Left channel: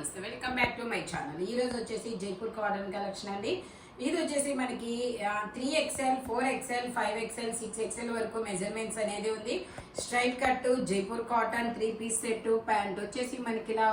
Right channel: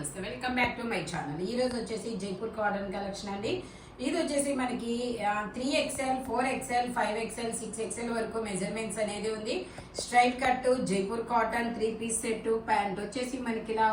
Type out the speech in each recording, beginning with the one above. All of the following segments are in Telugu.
నమస్తే, welcome back to my channel. ఈ రోజు వచ్చేసి జైపూర్ కాటన్ కలెక్షన్ అండి. ఇది వచ్చేసి మనకి 3XL, 4XL, 5XL, 6XL వరకు మెజర్మెంట్స్ అనేది ఉంది. Straight cut Jaipur cotton 3 piece set. Pant వచ్చేసి మనకి ఇలా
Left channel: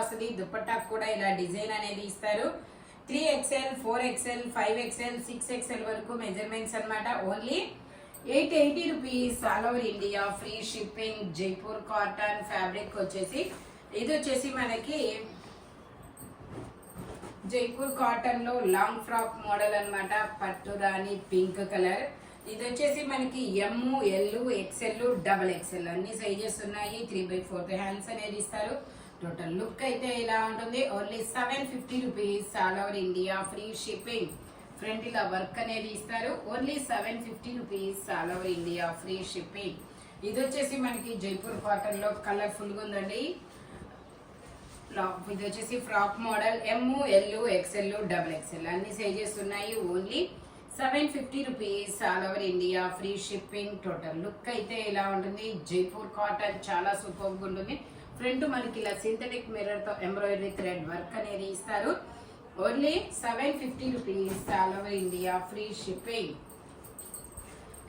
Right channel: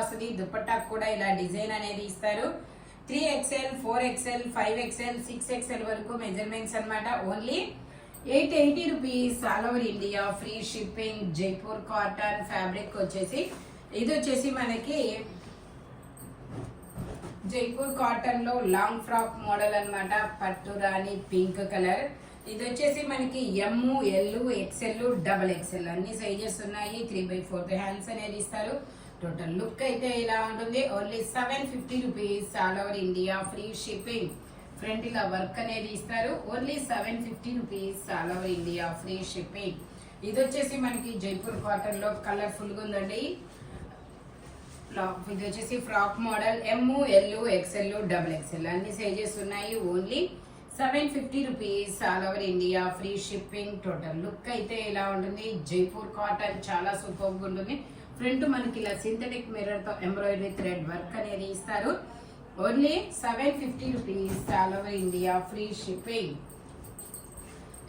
వస్తుంది. దుపట్టా కూడా ఇలా డిజైన్ అనేది ఇస్తారు. 3XL, 4XL, 5XL, 6XL వరకు మెజర్మెంట్స్ అన్నమాట. Only 880 rupees all over India, free shipping. Jaipur cotton fabric వచ్చేసి ఇది వచ్చేసి మనకి జైపూర్ కాటన్ లో లాంగ్ ఫ్రాక్ మోడల్ అన్నమాట. పట్టు రాణి పింక్ కలర్. ఇది వచ్చేసి మనకి ఎమ్, ఎల్, XL, XXL అన్ని సైజెస్ ఉన్నాయి. 3/4 హ్యాండ్స్ అనేది ఇస్తారు. టోటల్ లుక్ అయితే ఇలా ఉంటుంది. Only 750 rupees all over India, free shipping. Front ఇలా వర్క్ అనేది ఇస్తారు. Only 750 rupees all over India, free shipping. ఇది వచ్చేసి మనకి జైపూర్ కాటన్ లో కలర్ఫుల్ గా ఉందండి. ఇది వచ్చేసి ఫ్రాక్ మోడల్. ఎమ్, ఎల్, XL, XXL అన్ని సైజెస్ ఉన్నాయి. Only 750 rupees all over India, free shipping. Total look అయితే ఇలా ఉంటుంది. జైపూర్ కాటన్ చాలా సూపర్ గా ఉంటుంది. ఫ్రంట్ మనకి ఇలా సింథటిక్ మిర్రర్ తో ఎంబ్రాయిడరీ థ్రెడ్ వర్క్ అనేది ఇస్తారు. Only 750 rupees all over India, free shipping.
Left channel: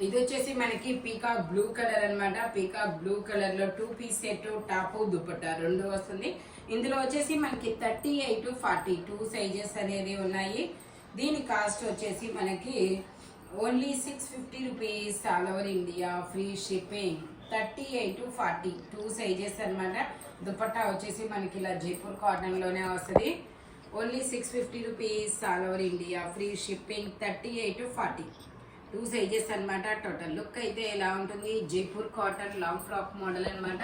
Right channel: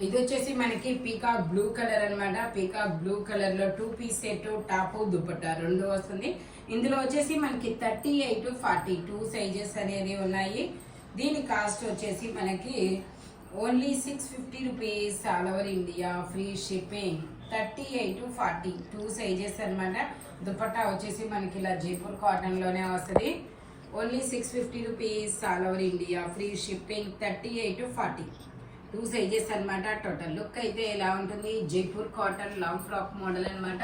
ఇది వచ్చేసి మనకి పీకాక్ బ్లూ కలర్ అన్నమాట. పీకాక్ బ్లూ కలర్ లో 2 పీస్ సెట్, టాప్, దుపట్టా రెండు వస్తుంది. ఇందులో వచ్చేసి మనకి 38, 42 సైజెస్ అనేది ఉన్నాయి. దీని కాస్ట్ వచ్చేసి మనకి only 650 rupees all over India, free shipping. 38, 42 sizes అన్నమాట. దుపట్టా వచ్చేసి మనకి ఇలా జైపూర్ కాటన్ లోనే వస్తుంది. Only 650 rupees all over India, free shipping. 38, 42 sizes అన్నమాట. టోటల్ లుక్ అయితే ఎలా ఉంటుంది. Jaipur cotton long frock model అన్నమాట.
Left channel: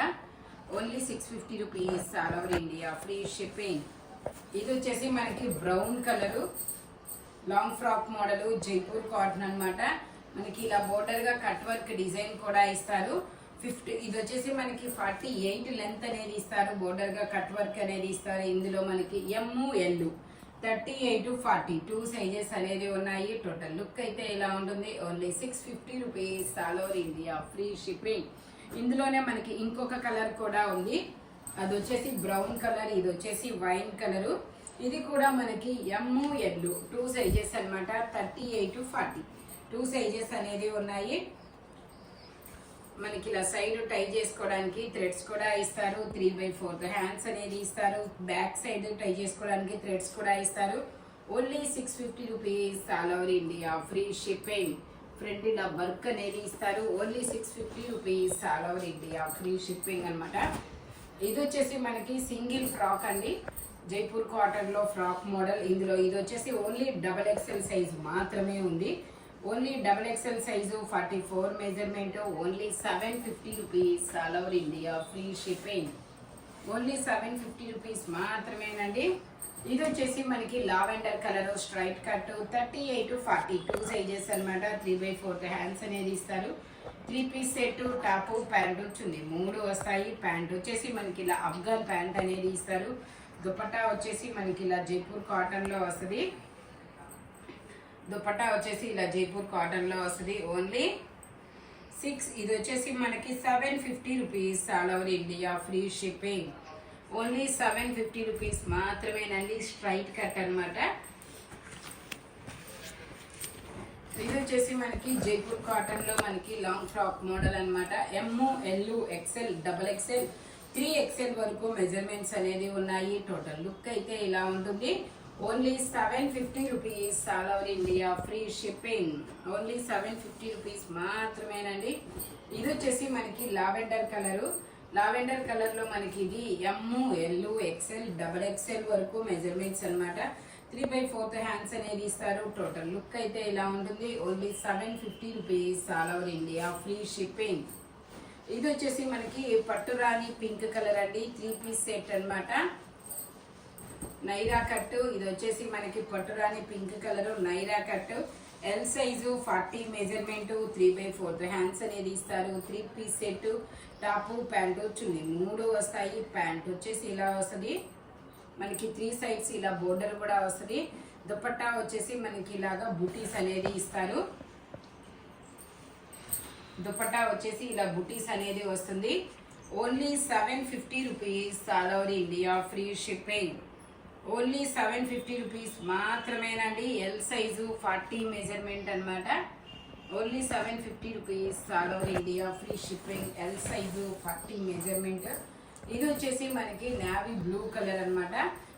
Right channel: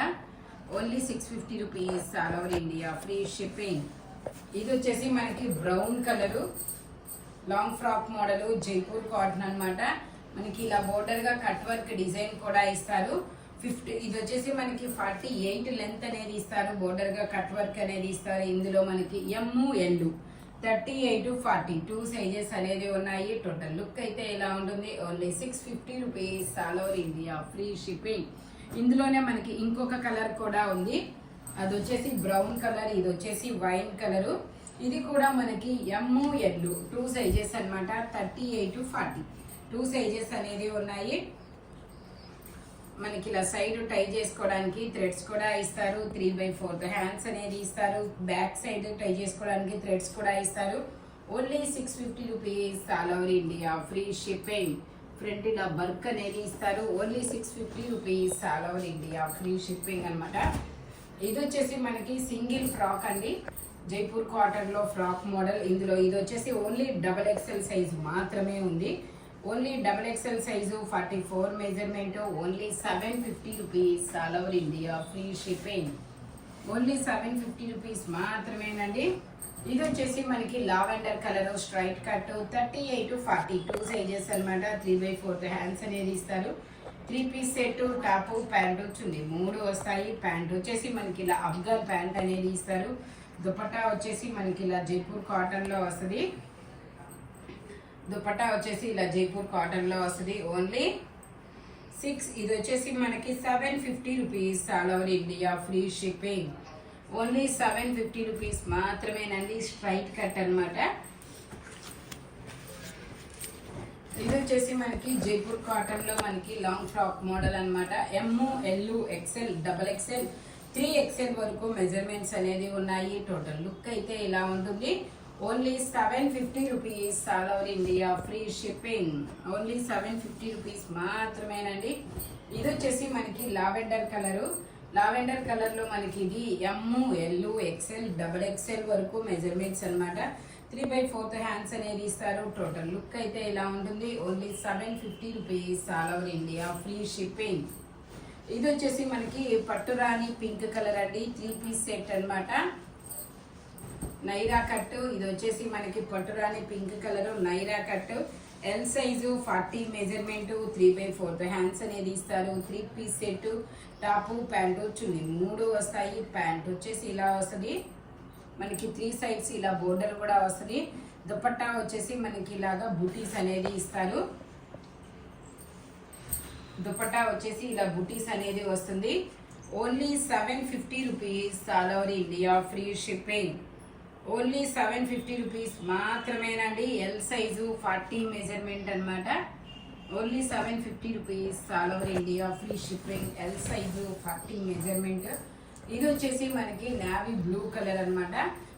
Only 650 rupees all over India, free shipping. ఇది వచ్చేసి మనకి brown colour long frock model Jaipur cotton అన్నమాట. మనకి ఇలా బోర్డర్ గా కట్ వర్క్ డిజైన్ కూడా ఇస్తారు. ఇది వచ్చేసి మనకి 48 లెంత్ అనేది ఇస్తారు. బోర్డర్ గా కట్ వర్క్ అనేది ఇస్తారు. ఇందులో మనకి ఎమ్, ఎల్ 38, 42 సైజెస్ అనేది ఉన్నాయి. టోటల్ లుక్ అయితే ఎలా ఉంటుంది. Only 650 rupees all over India, free shipping. ఇందులోనే మనకి ఇంకొక కలర్ కూడా ఉంది. అది వచ్చేసి బ్రౌన్ కలర్. ఇది వచ్చేసి వైన్ కలర్. ఇది కూడా మనకి ఎమ్, ఎల్ 2 సైజెస్ అన్నమాట. 38, 42 సైజెస్ అనేది ఉన్నాయి. మనకి ఇలా సైడ్ టై చేసుకోవడానికి థ్రెడ్స్ కూడా ఇస్తారు. 3/4 హ్యాండ్స్ అనేది ఇస్తారు. బ్యాక్ సైడ్ టై చేసుకోవడానికి థ్రెడ్స్ కూడా ఇస్తారు. Only 650 rupees all over India, free shipping. Front ఇలా వర్క్ అనేది ఇస్తారు. Only 650 rupees all over India, free shipping అనమాట. ఇది వచ్చేసి మనకి సింగిల్ ఫ్రాక్ అండి. జైపూర్ కాటన్ లో ఫ్రాక్ మోడల్. ఇందులో ఇది వచ్చేసి ఓన్లీ XXL సైజ్ మాత్రమే ఉంది. Only XXL size, 44 measurement. Only 750 rupees all over India, free shipping. Only 750 rupees మాత్రమేనండి. ఇది వచ్చేసి మనకి lavender colour straight cut. 38, 42 sizes అనమాట. 3/4 హ్యాండ్స్ అనేది ఇస్తారు. 3 పీస్ సెట్, టాప్, ప్యాంట్ వచ్చింది 3 వస్తాయి. ప్యాంట్ వచ్చేసి మనకి ఇలా అఫ్ఘాన్ ప్యాంట్ అనేది ఇస్తారు. దుపట్టా వచ్చేసి మనకి ఇలా జైపూర్ కాటన్ లో వస్తుంది. దుపట్టా వచ్చేసి ఇలా జైపూర్ కాటన్ లో వస్తుంది. ఓన్లీ 6. ఇది వచ్చేసి మనకి 750 rupees all over India, free shipping. Only 750 rupees మాత్రమేనండి. స్ట్రైట్ కట్ అన్నమాట. ఇది వచ్చేసి మనకి జైపూర్ కాటన్ లో మనకి లాంగ్ ఫ్రాక్ మోడల్ అన్నమాట. ఎమ్, ఎల్, XL, XXL, 3XL వరకు మెజర్మెంట్స్ అనేది ఉన్నాయి. టోటల్ లుక్ అయితే ఇలా ఉంటుంది. Only 750 rupees all over India, free shipping. Only 750 rupees మాత్రమేనండి. ఇది వచ్చేసి మనకి లావెండర్ కలర్. లావెండర్ కలర్ లో మనకి ఇది ఎమ్, ఎల్, XL, XXL వరకు మెజర్మెంట్స్ అన్నమాట. 3/4 హ్యాండ్స్ అనేది ఇస్తారు. టోటల్ లుక్ అయితే ఇలా ఉంటుంది. Only 750 rupees all over India, free shipping. ఇది వచ్చేసి మనకి పట్టు రాణి పింక్ కలర్ అండి. 3 పీస్ సెట్ అన్నమాట. నైరా కట్. ఇది వచ్చేసి మనకి పట్టురాని pink colour Naira cut. L size, 40 measurement. 3/4 hands అనేది ఇస్తారు. 3 పీస్ సెట్, టాప్, ప్యాంట్ చున్నీ 3 వస్తాయి. ప్యాంట్ వచ్చేసి ఇలా వస్తుంది. మనకి 3 సైడ్స్ ఇలా బోర్డర్ కూడా వస్తుంది. దుపట్టా వచ్చేసి మనకి ఇలాగా బూటీస్ అనేది ఇస్తారు. దుపట్టా వచ్చేసి ఇలా బుటీస్ అనేది వస్తుంది. Only 750 rupees all over India free shipping. Only 750 rupees మాత్రమేనండి. ఎల్ సైజు 40 మెజర్మెంట్ అనమాట. Only 750 rupees all over India free shipping. L size 40 measurement. ఇది వచ్చేసి మనకి నావీ బ్లూ కలర్ అనమాట.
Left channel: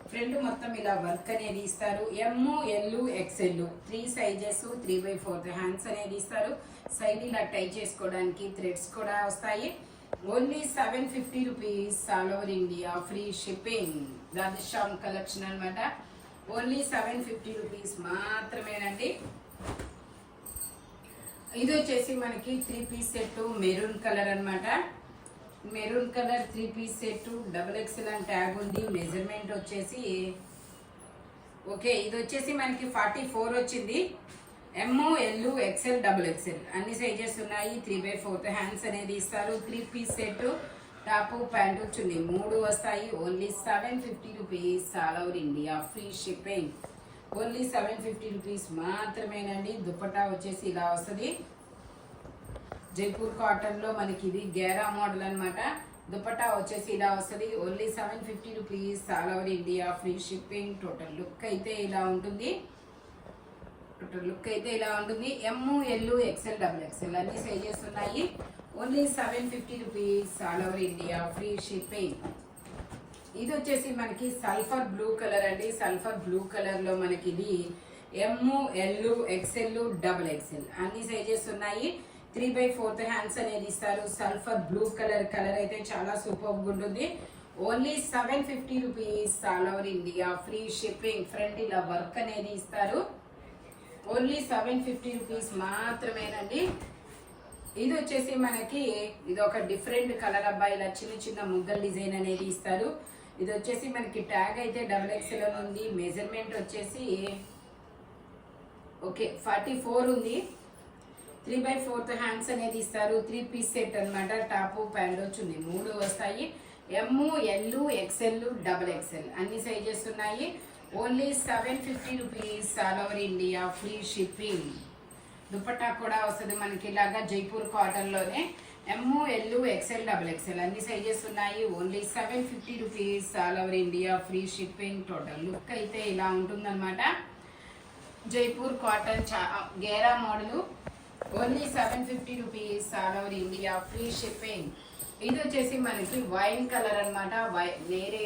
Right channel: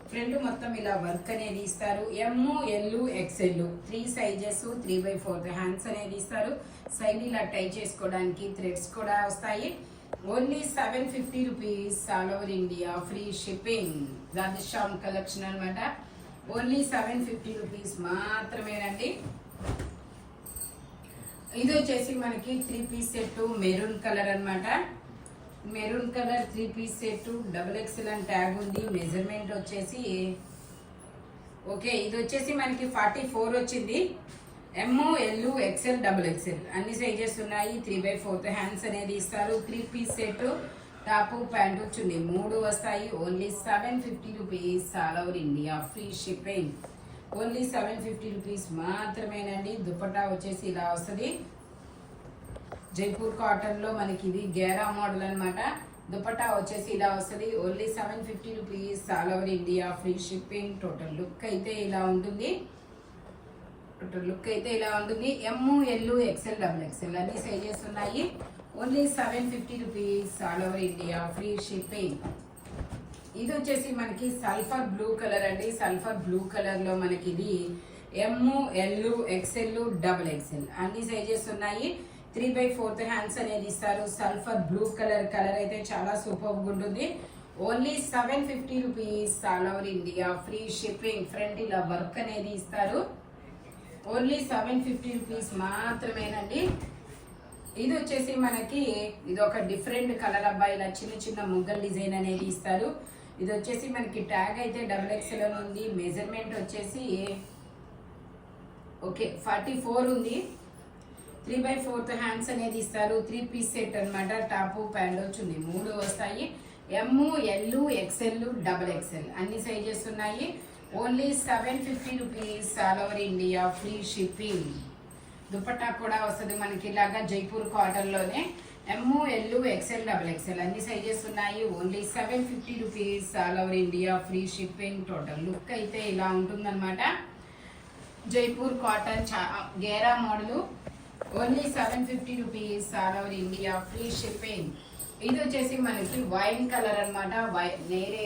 ఫ్రంట్ మొత్తం ఇలా వర్క్ అనేది ఇస్తారు. M, L, XL 3 sizes 3/4 hands అనేది ఇస్తారు. సైడ్ ఇలా టై చేసుకోవడానికి థ్రెడ్స్ కూడా వస్తాయి. Only 750 rupees all over India free shipping. Radhe Shyam collection అనమాట. ఓన్లీ 750 రూపీస్ మాత్రమేనండి. ఇది వచ్చేసి మనకి 3 పీస్ సెట్ మెరూన్ కలర్ అనమాట. Maroon colour 3 piece set XXL అని ట్యాగ్ ఉంది. మెజర్మెంట్ వచ్చేసి ఓకే, ఇది వచ్చేసి మనకి 44 వచ్చింది. ఎమ్, ఎల్, ఎక్స్ఎల్, XXL అన్ని సైజెస్ ఉన్నాయి. 3/4 హ్యాండ్స్ అనేది ఇస్తారు. 3 పీస్ సెట్ టాప్ ప్యాంటు చున్నీ 3 వస్తాయి. Only 750 rupees all over India free shipping. Only 750 rupees మాత్రమేనండి. దుపట్టా వచ్చేసి ఇలా వస్తుంది. జైపూర్ కాటన్ లో మనకి ఇది గేరా మోడల్ అనమాట. దుపట్టా వచ్చేసి ఇలా వస్తుంది. Only 750 rupees all over India free shipping. Total look అయితే ఇలా ఉంటుంది. ఎమ్, ఎల్, ఎక్స్ఎల్, XXL అన్ని సైజెస్ ఉన్నాయి. Only 750 rupees all over India free shipping. ఇది వచ్చేసి మనకి సల్ఫర్ బ్లూ కలర్ అండి. సల్ఫర్ బ్లూ కలర్ లో మనకి ఇది ఎమ్, ఎల్, ఎక్స్ఎల్, XXL అన్ని సైజెస్ ఉన్నాయి. 3/4 హ్యాండ్స్ అనేది ఇస్తారు. సల్ఫర్ బ్లూ కలర్ అయితే చాలా సూపర్ ఉంటుంది. Only 750 rupees all over India free shipping. Front ఇలా వర్క్ అనేది ఇస్తారు. ఓన్లీ 750 రూపీస్ మాత్రమేనండి. ఇది వచ్చేసి మనకి ఇది ఒక డిఫరెంట్ కలర్ అబ్బాయి. ఇలా చిన్న చిన్న ముగ్గల్ డిజైన్ అనేది ఇస్తారు. ఇది వచ్చేసి మనకి ట్యాగ్ అయితే XXL ఉంది. మెజర్మెంట్ వచ్చేసి ఓకే 44 ఉంది. 3/4 హ్యాండ్స్ అనేది ఇస్తారు. 3 పీస్ సెట్ అనమాట. టాప్ ప్యాంట్ చున్నీ 3 వస్తాయి. ఎమ్, ఎల్, ఎక్స్ఎల్, XXL అన్ని సైజెస్ ఉన్నాయి. Only 750 rupees all over India free shipping. Dupatta కూడా వస్తుంది మనకి ఇలాగా జైపూర్ కాటన్ లోనే. ఎమ్, ఎల్, ఎక్స్ఎల్, XXL అన్ని సైజెస్ ఉన్నాయి. Only 750 rupees all over India free shipping. Total look అయితే ఇలా ఉంటుందన్నమాట. జైపూర్ కాటన్ గేరా model. Only 750 rupees all over India free shipping. ఇది వచ్చేసి మనకి వైన్ కలర్ అనమాట. వేరే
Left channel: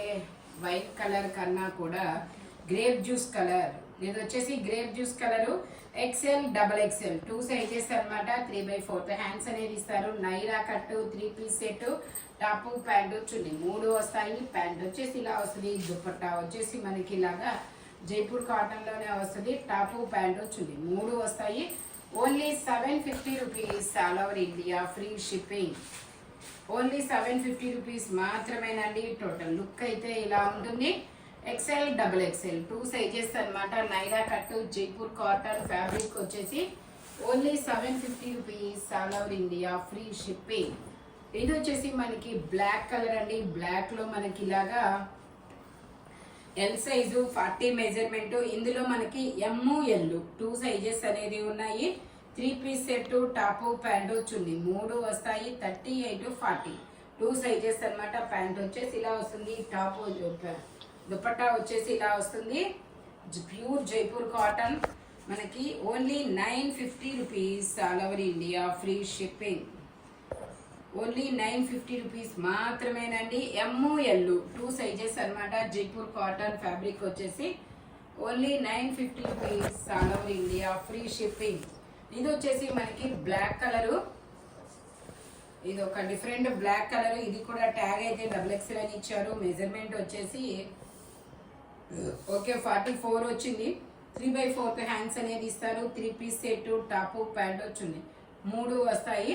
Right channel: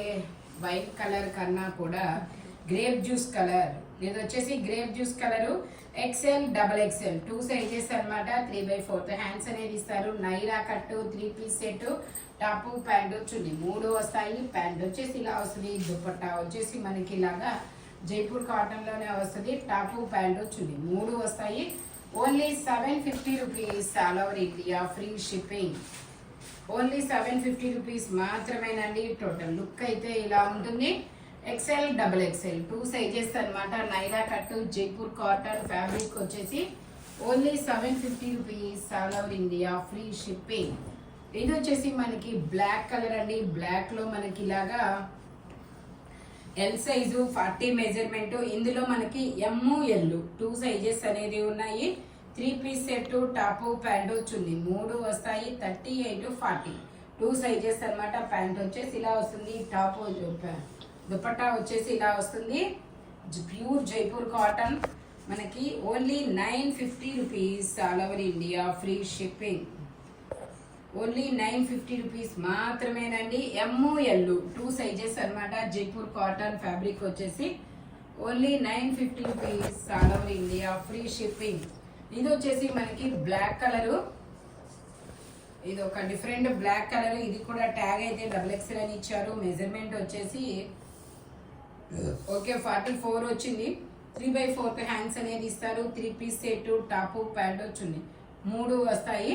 వైన్ కలర్ కన్నా కూడా గ్రేప్ జ్యూస్ కలర్. ఇది వచ్చేసి grape juice colour. XL, XXL 2 sizes అనమాట. 3/4 హ్యాండ్స్ అనేది ఇస్తారు. Naira cut 3 piece set top pant చున్నీ 3 వస్తాయి. ప్యాంట్ వచ్చేసి ఇలా వస్తుంది. దుపట్టా వచ్చేసి మనకి ఇలాగా జైపూర్ కాటన్ లోనే వస్తుంది. టాప్ ప్యాంటు చున్నీ 3 వస్తాయి. Only 750 rupees all over India free shipping. Only 750 rupees మాత్రమేనండి. టోటల్ లుక్ అయితే ఇలా ఉంటుంది. XL, XXL 2 సైజెస్ అనమాట. Naira cut Jaipur cotton fabric వచ్చేసి only 750 rupees all over India free shipping. ఇది వచ్చేసి మనకి బ్లాక్ కలర్ అండి. బ్లాక్ లో మనకి ఇలాగా ఎల్ సైజు 40 మెజర్మెంట్. ఇందులో మనకి ఎమ్, ఎల్ 2 సైజెస్ అనేది ఉన్నాయి. 3 పీస్ సెట్ టాప్ ప్యాంటు చున్నీ 3 వస్తాయి. 38, 40 2 సైజెస్ అనమాట. ప్యాంట్ వచ్చేసి ఇలా వస్తుంది. టాప్ దుపట్టా వచ్చేసి ఇలా వస్తుంది. ప్యూర్ జైపూర్ కాటన్ మనకి only 950 rupees all over India free shipping. Only 950 rupees మాత్రమేనండి. ఎమ్, ఎల్ 2 సైజెస్ అనమాట. జైపూర్ కాటన్ ఫ్యాబ్రిక్ వచ్చేసి only 950 rupees all over India free shipping. ఇది వచ్చేసి మనకి బ్లాక్ కలర్. ఇది ఒక డిఫరెంట్ బ్లాక్ కలర్. ఇది కూడా ట్యాగ్ అయితే XXL అని ఇచ్చారు. మెజర్మెంట్ వచ్చేసి ఓకే 44 వచ్చింది. 3/4 హ్యాండ్స్ అనేది ఇస్తారు. 3 పీస్ సెట్ టాప్ ప్యాంట్ వచ్చింది 3 వస్తాయి.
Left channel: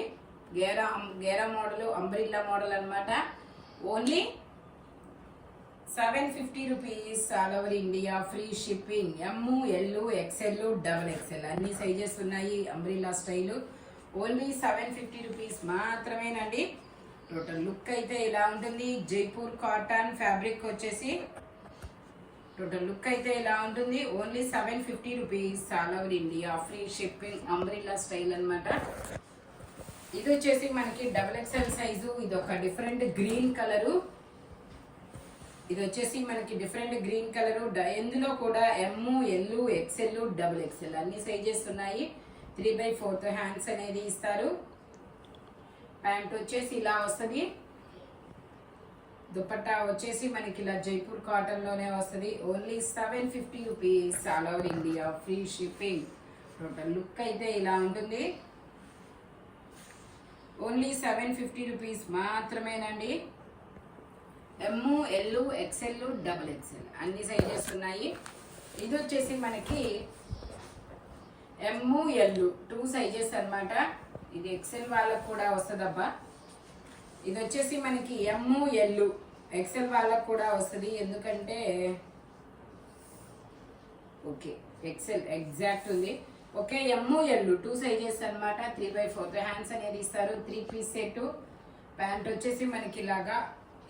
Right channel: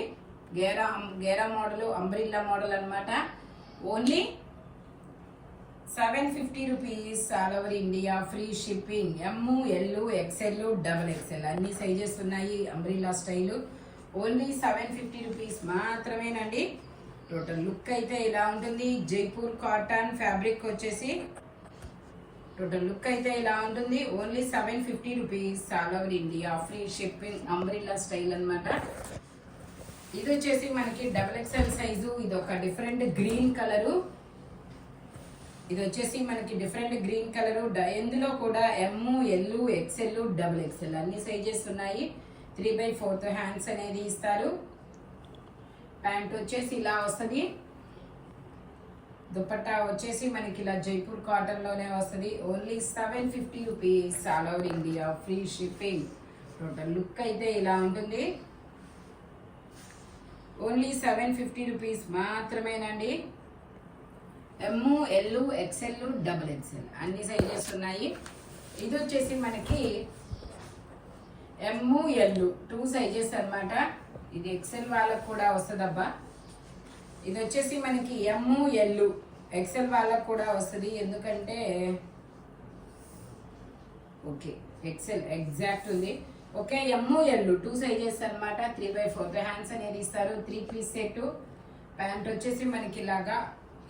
గేరా మోడల్, అంబ్రిల్లా మోడల్ అనమాట. Only 750 rupees all over India free shipping. M, L, XXL, XXL అన్ని సైజెస్ ఉన్నాయి. Umbrella style. ఓన్లీ 750 రూపీస్ మాత్రమేనండి. టోటల్ లుక్ అయితే ఇలా ఉంటుంది. జైపూర్ కాటన్ ఫ్యాబ్రిక్ వచ్చేసి టోటల్ లుక్ అయితే ఇలా ఉంటుంది. Only 750 rupees all over India free shipping. Umbrella style అనమాట. ఇది వచ్చేసి మనకి XXL సైజు. ఇది ఒక డిఫరెంట్ గ్రీన్ కలరు. ఇది వచ్చేసి మనకి డిఫరెంట్ గ్రీన్ కలరు. ఇందులో కూడా ML XL XXL అన్ని సైజెస్ ఉన్నాయి. 3/4 హ్యాండ్స్ అనేది ఇస్తారు. ప్యాంట్ వచ్చేసి ఇలా వస్తుంది. దుపట్టా వచ్చేసి మనకి ఇలా జైపూర్ కాటన్ లోనే వస్తుంది. Only 750 rupees all over India, free shipping. Total look అయితే ఇలా ఉంటుంది. ఓన్లీ 750 రూపీస్ మాత్రమేనండి. ML XL XXL అన్ని సైజెస్ ఉన్నాయి. ఇది వచ్చేసి మనకి ML 2 సైజెస్ అన్నమాట. ఇది XL వాళ్ళకు కూడా వస్తుందబ్బా. ఇది వచ్చేసి మనకి ML XL వాళ్ళకు కూడా వస్తుంది. ఎందుకంటే ఓకే XL ఎగ్జాక్ట్ ఉంది. ఓకే ML 2 సైజెస్ అన్నమాట. 3/4 హ్యాండ్స్ అనేది ఇస్తారు. 3 పీస్ సెట్. ప్యాంట్ వచ్చేసి మనకి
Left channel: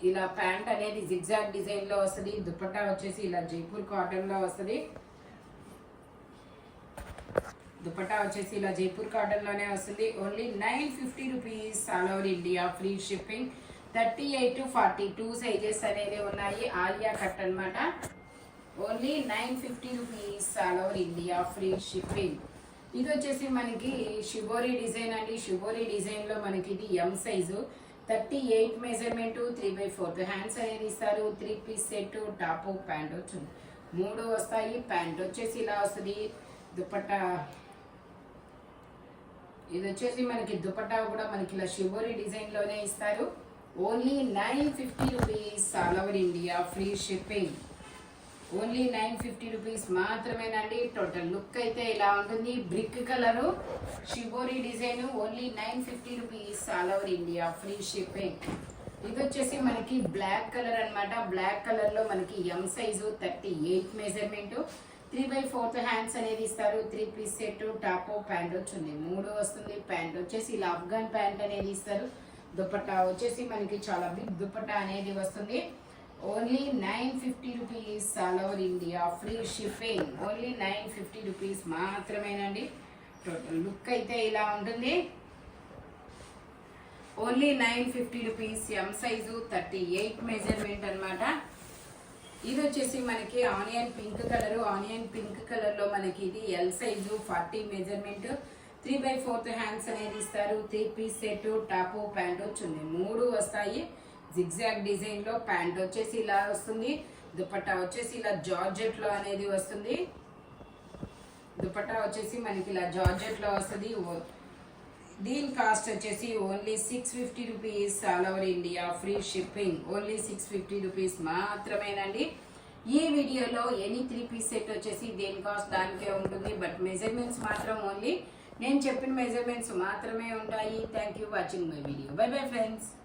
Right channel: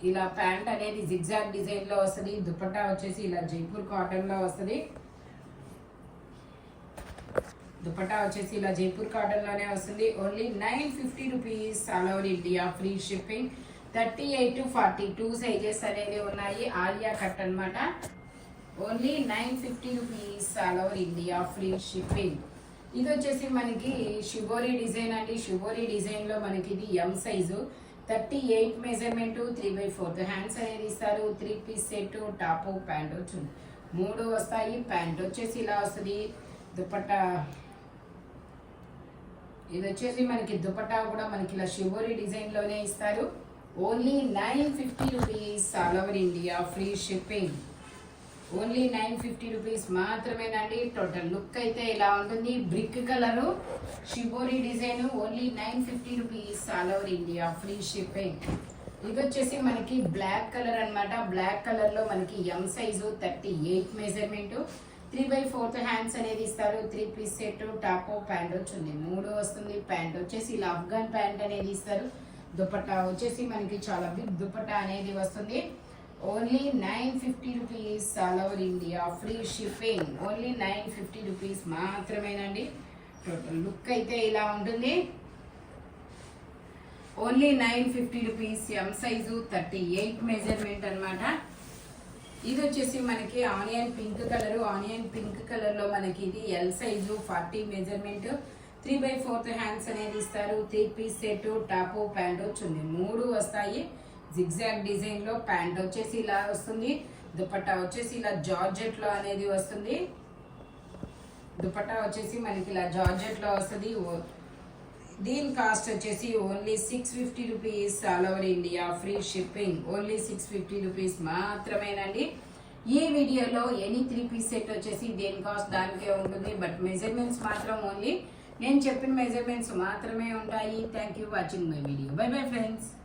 ఇలా ప్యాంట్ అనేది జిగ్జాగ్ డిజైన్ లో వస్తుంది. దుపట్టా వచ్చేసి ఇలా జైపూర్ కాటన్ లో వస్తుంది. దుపట్టా వచ్చేసి ఇలా జైపూర్ కాటన్ లోనే వస్తుంది. Only 950 rupees all over India, free shipping. 38 to 42 sizes అనేది ఉన్నాయి. ఆలియా కట్ అన్నమాట. Only 950 rupees all over India, free shipping. ఇది వచ్చేసి మనకి షిబోరి డిజైన్ అండి. షిబోరి డిజైన్ లో మనకి ఇది M సైజు. 38 మెజర్మెంట్, 3/4 హ్యాండ్స్ అనేది ఇస్తారు. 3 పీస్ సెట్. టాప్ ప్యాంట్ వచ్చింది 3 వస్తాయి. ప్యాంట్ వచ్చేసి ఇలా వస్తుంది. దుపట్టా ఇది వచ్చేసి మనకి దుపట్టా కూడా మనకి ఇలా షిబోరి డిజైన్ లోనే ఇస్తారు. Only 950 rupees all over India, free shipping. Only 950 rupees మాత్రమేనండి. టోటల్ లుక్ అయితే ఇలా ఉంటుంది. Brick colour shibori design. Only 950 rupees all over India, free shipping. ఇది వచ్చేసి మనకి బ్లాక్ కలర్ అన్నమాట. బ్లాక్ కలర్ లో మనకి M సైజు. 38 మెజర్మెంట్, 3/4 హ్యాండ్స్ అనేది ఇస్తారు. 3 పీస్ సెట్. టాప్ ప్యాంట్ వచ్చింది 3 వస్తుంది. ప్యాంట్ వచ్చేసి ఇలా అఫ్ఘాన్ ప్యాంట్ అనేది ఇస్తారు. దుపట్టా వచ్చేసి మనకి చాలా బిగ్ దుపట్టా అనేది వస్తుంది. Only 950 rupees all over India, free shipping. Only 950 rupees మాత్రమేనండి. టోటల్ లుక్ అయితే ఇలా ఉంటుంది. Only 950 rupees. M size, 38 measurement అన్నమాట. ఇది వచ్చేసి మనకి onion pink colour. Onion pink colour లో మనకి ఇది L సైజు, 40 మెజర్మెంట్, 3/4 హ్యాండ్స్ అనేది ఇస్తారు. 3 పీస్ సెట్. టాప్ ప్యాంట్ వచ్చింది 3 వస్తాయి. జిగ్జాగ్ డిజైన్ లో ప్యాంట్ వచ్చేసి ఇలా వస్తుంది. దుపట్టా వచ్చేసి ఇలా జార్జెట్ లో అనేది వస్తుంది. దుపట్టా వచ్చేసి మనకి ఇలా జార్జెట్ లో వస్తుంది. దీని కాస్ట్ వచ్చేసి only 650 rupees all over India, free shipping. Only 650 rupees మాత్రమేనండి. ఈ వీడియోలో ఎనీ 3 పీస్ సెట్ వచ్చేసి దేని కాస్ట్ దానికే ఉంటుంది. బట్ మెజర్మెంట్స్ మాత్రం ఓన్లీ నేను చెప్పిన మెజర్మెంట్స్ మాత్రమే ఉంటాయి. Thank you watching my video. By bye friends.